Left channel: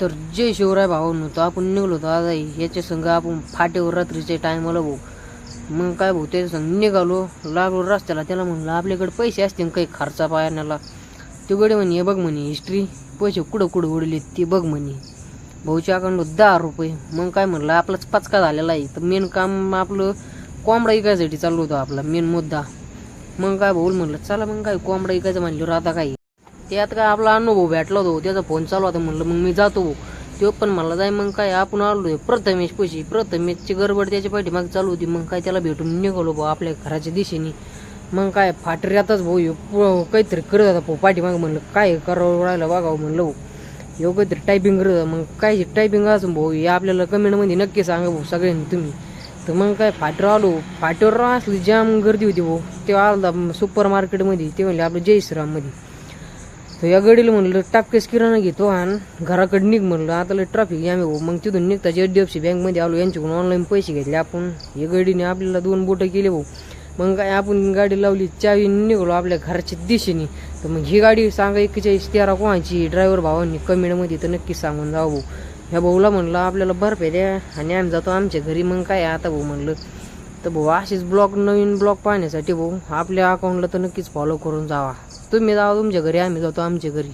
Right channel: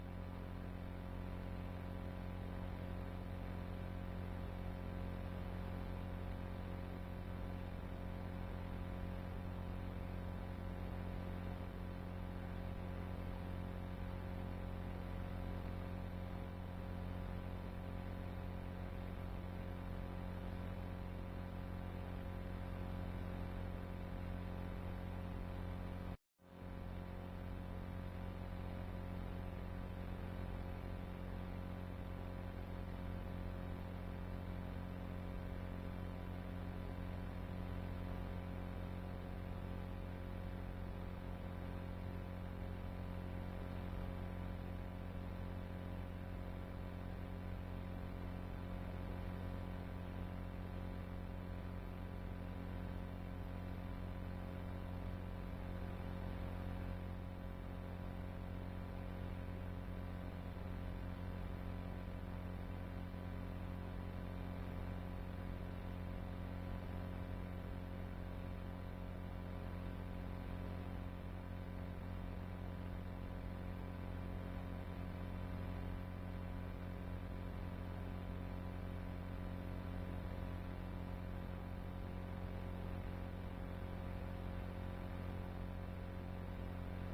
तर जय शिवराय भावांनो, तर आपण निघलो होतो आज याच्या संग आपण फाटेवर रात्रीच्या टायमाला भाऊ. मग काय भाऊ त्याच्या संग निघालो, लागलो रस्त्याला. त्याला म्हणलं आपल्याकडे पैसे असतील काही खर्चा पाण्याला. ते गडे म्हणे हे बघ म्हणे हिस्ट्री, पैसे कुठं कुठं उडले ते बघ म्हणे. भाऊच्या अकाउंट 10 रुपये. मग काय म्हणलं आपलाच पचका झालेला आहे. तर मेन काम आपलं कोंबडा इकायसाठी चालू होतं, आपला मेन मुद्दा. मग काय भाऊ म्हणलं चला मग काय कोंबडा इकायचं म्हणल्यावर आता काय त्यात काय आपला अनुभव भेटला होतो, त्याचा फोन चालू होता. म्हणलं मग मी जातो भाऊ. तो पण म्हणला जाय. मग काय आपण आलो प्रथमेश पैसे, प्रथमेशची गडबड त्याच्या पाठीमागे चालू होती. मग काय त्याला भेटून निघालो भाऊ आपल्या घराच्या दिशेने. मग काय फाटऱ्यातच भाऊ काहीतरी करत होता भाऊ पाठीमागे. म्हणलं काय करावं राहिलं बघावं म्हणलं भाऊ. काहीतरी टायपिंग करत होता. मग काय टायपिंग असं भाऊ हे आपल्याला कमेंटमध्ये नक्की सांगा भाऊ सगळ्यांनी तुम्ही. तर मग काय फाटीवर आलो. फाटीवर असली जाम गर्दी होती भाऊ. तेव्हा आला सुपर मार्केटमध्ये, ते म्हणले आपलं जय श्रीराममध्ये. तर या गाडीला म्हणलं टापकेस किराणा घेतो आणि घराकडे निघ म्हणलं. आता लय ट्रॅफिक आम्ही भाऊ. मग तिथून निघताच HDFC बँकमध्ये आलो. यांच्याकडून ऑनलाईन पैसे घेतले आपण. या गाडीने आपल्याला 2 बोटं केले भाऊ. मग काय आपण गाडी लावली, चावी निघालो आपल्या घराच्या दिशेने. तर मग ही गाडी सांगा 4113 कोणाची ड्रायव्हर भावांनी कमेंटमध्ये तर नक्की सांगून जाऊ भाऊ. ह्या भाऊला म्हणलं आपल्याला बर्फ द्या आणि आम्ही जातो आमच्या घरी. मग काय आता भाऊ म्हणलं तर भाऊ असेच नवीन ब्लॉग पाहण्यासाठी भाऊ आपल्या अकाउंटला तर नक्कीच फॉलो करून जावा. तुम्ही जावा तुमच्या घरी, आम्ही जातो आमच्या घरी.